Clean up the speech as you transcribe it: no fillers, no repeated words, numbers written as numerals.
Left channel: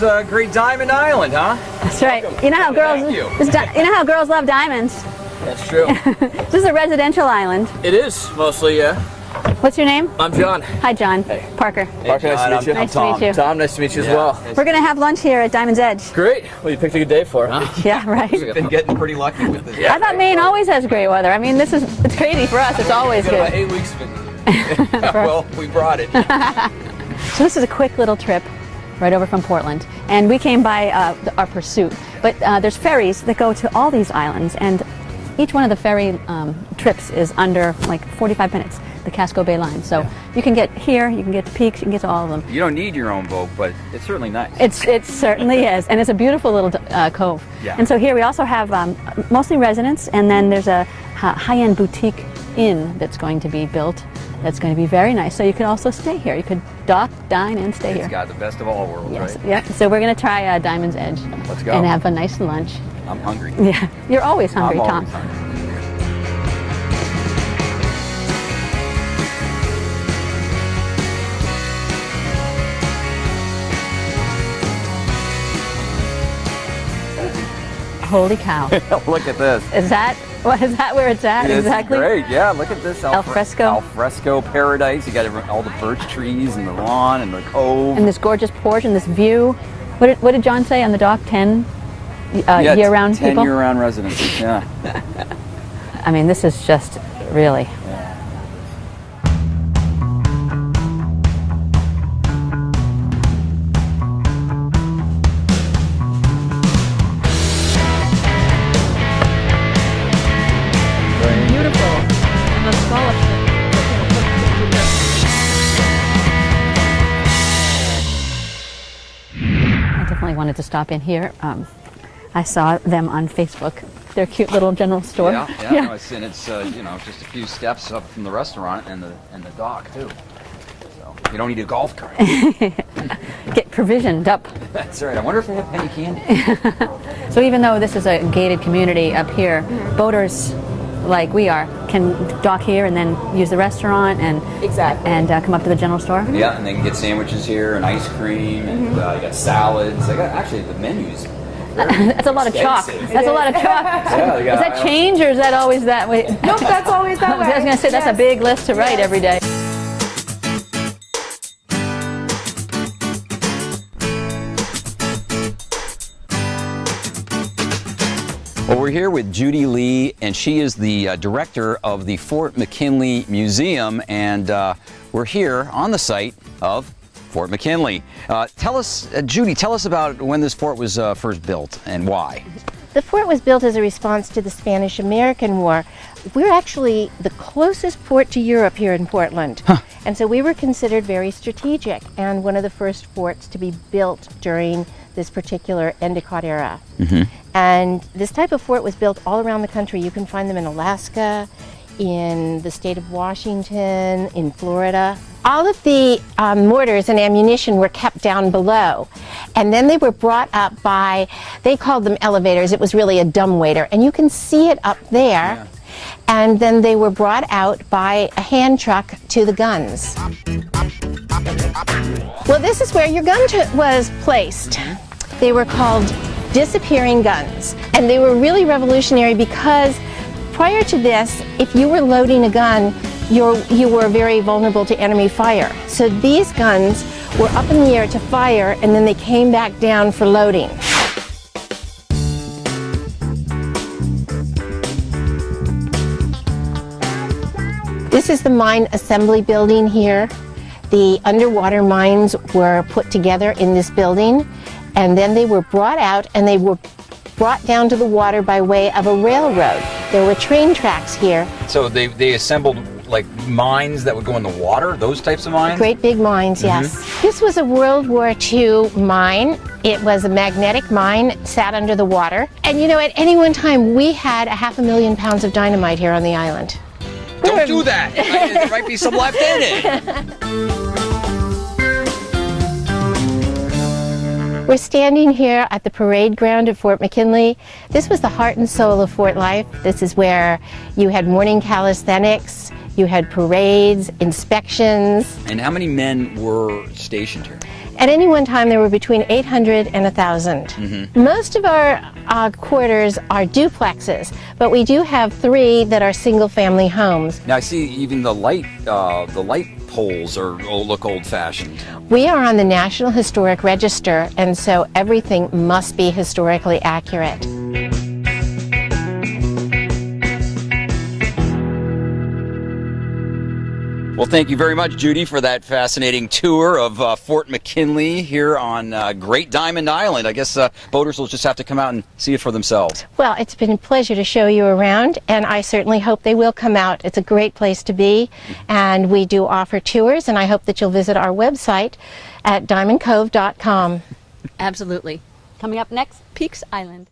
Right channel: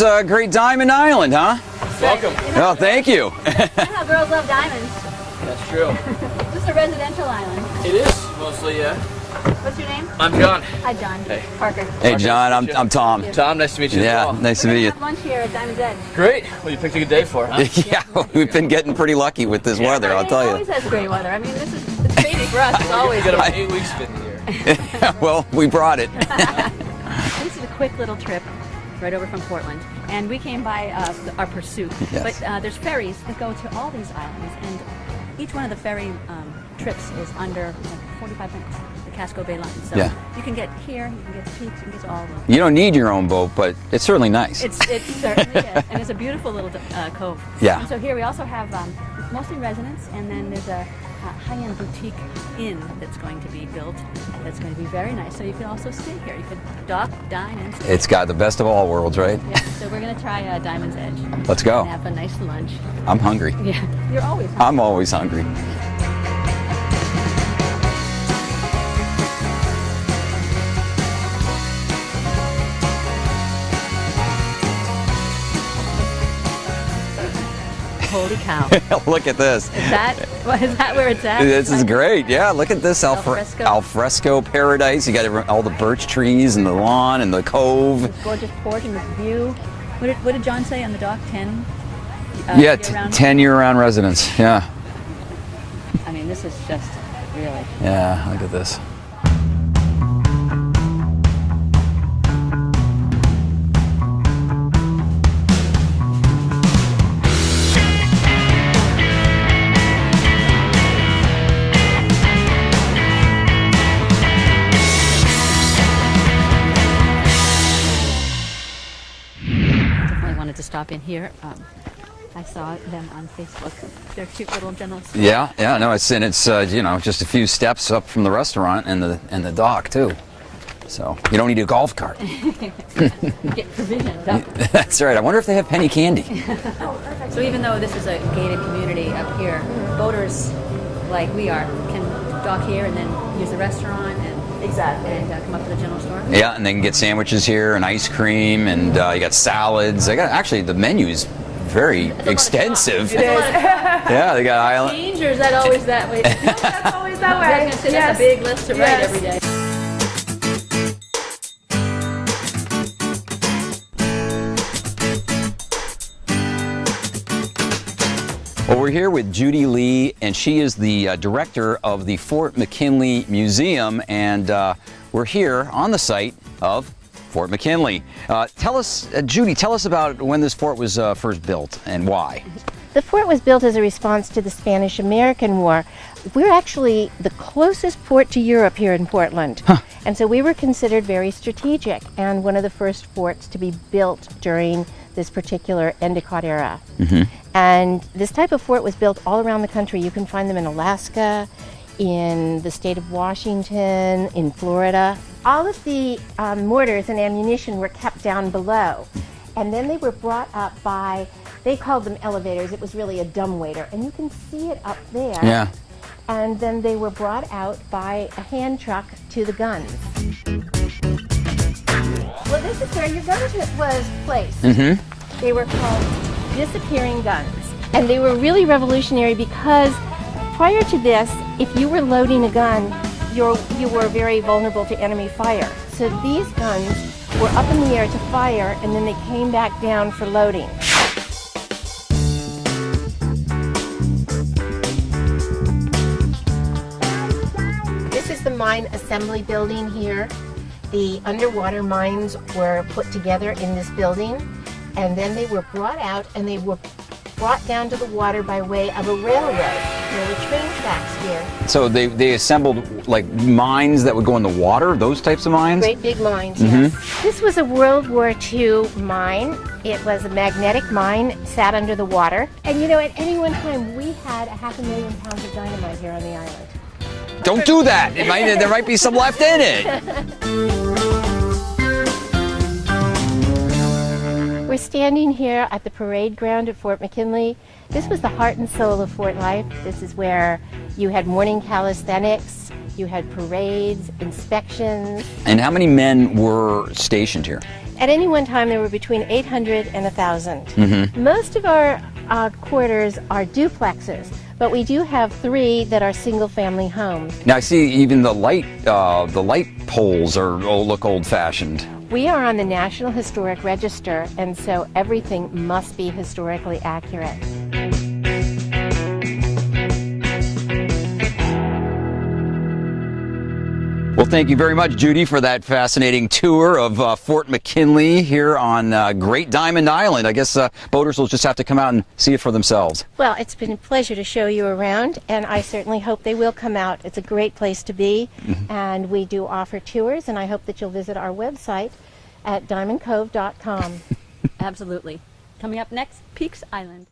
is Great Diamond Island, huh? That's right. Welcome. You know how No, thank you. You know how girls love diamonds. That's true. This is a residential island. It is, mostly, yeah. What's your name? I'm John. Hi, John. Parker. Hey, John, Nice to meet you. I'm Tom. Nice to meet you. Tom, nice to meet you as well. Nice We're to going to meet have lunch here at Diamond's Edge. Great. Well, you picked a good day for it, huh? Yeah, right. We've been getting pretty lucky with this I weather, thought I'll Maine tell always has great weather. I mean, it's crazy for us. It's always It's been about good. 8 weeks been here. you. Well, we brought it. So this is a quick little trip right over from Portland. And we came by our pursuit. Yes. But there's ferries that go to all these islands. And each one of the ferry trips is under like 45 minutes, the Casco Bay line. So Yeah. you can get here, you can get to Peaks, you can get to all of them. You don't need your own boat, but it's certainly nice. It certainly is, and it's a beautiful little cove. Yeah. And so here we also have mostly residents, and then there's a high-end boutique inn that's going to be built. That's going to be very nice. So you could also stay here. You could dock, dine, and stay It's here. got the best of all worlds, right? Yeah. So we're going to try Diamond's Edge. Let's go. And have a nice lunch. I'm hungry. Yeah. You're always hungry, I'm Tom. always hungry. Holy cow. Look at this. Is that where it's at? This is Exactly? great. Yeah, look at this Alfresco. alfresco paradise. You got all the birch trees and the lawn and the cove. And this gorgeous porch and this view. What did John say on the dock? 10 yeah, year-round 10 people? year-round residents. Yeah. I mean, this is just really. Yeah, look at this. I definitely wanted to stop in here. I saw them on Facebook. Their cute little general store. Yeah. No, it's you know, just a few steps up from the restaurant and the dock too. So you don't need a golf cart. Get provisioned up. That's right. I wonder if they have penny candy. So even though this is a gated community up here, boaters like we are can dock here and then use the restaurant and come up to the general store. Yeah, and they can get sandwiches here and ice cream and you got salads. They got actually the menu's very That's a lot of chalk. extensive. That's a lot of chalk. Yeah, they got Does that island. change or is that always that way? Nope, that's always that way. I was going to say that's a big list to write Yes. every day. Well, we're here with Judy Lee, and she is the director of the Fort McKinley Museum, and we're here on the site of Fort McKinley. Tell us, Judy, tell us about when this fort was first built and why. The fort was built as a response to the Spanish-American War. We're actually the closest port to Europe here in Portland. And so we were considered very strategic and one of the first forts to be built during this particular Endicott era. And this type of fort was built all around the country. You can find them in Alaska, in the state of Washington, in Florida. All of the mortars and ammunition were kept down below. And then they were brought up by, they called them elevators. It was really a dumbwaiter. And you can see it up there. Yeah. And then they were brought out by a hand truck to the guns. Well, this is where your gun was placed. They were called disappearing guns. And they were really revolutionary because prior to this, if you were loading a gun, you were very vulnerable to enemy fire. So these guns were up in the air to fire, and then they came back down for loading. This is the mine assembly building here. The underwater mines were put together in this building, and then they were brought out and they were brought down to the water by way of a railroad. There were train tracks here. So they assembled like mines that would go in the water, those types of mines? Great big mines, yes. This was a World War II mine. It was a magnetic mine, sat under the water. And you know, at any one time, we had 500,000 pounds of dynamite here on the island. Don't do that! There might be some left in it. We're standing here at the parade ground at Fort McKinley. This was the heart and soul of Fort life. This is where you had morning calisthenics, You had parades, inspections. And how many men were stationed here? At any one time, there were between 800 and 1,000. Most of our quarters are duplexes, but we do have 3 that are single-family homes. Now I see even the light poles look old-fashioned. We are on the National Historic Register, and so everything must be historically accurate. Well, thank you very much, Judy, for that fascinating tour of Fort McKinley here on Great Diamond Island. I guess boaters will just have to come out and see it for themselves. Well, it's been a pleasure to show you around, and I certainly hope they will come out. It's a great place to be, and we do offer tours, and I hope that you'll visit our website at diamondcove.com. Absolutely. Coming up next, Peaks Island.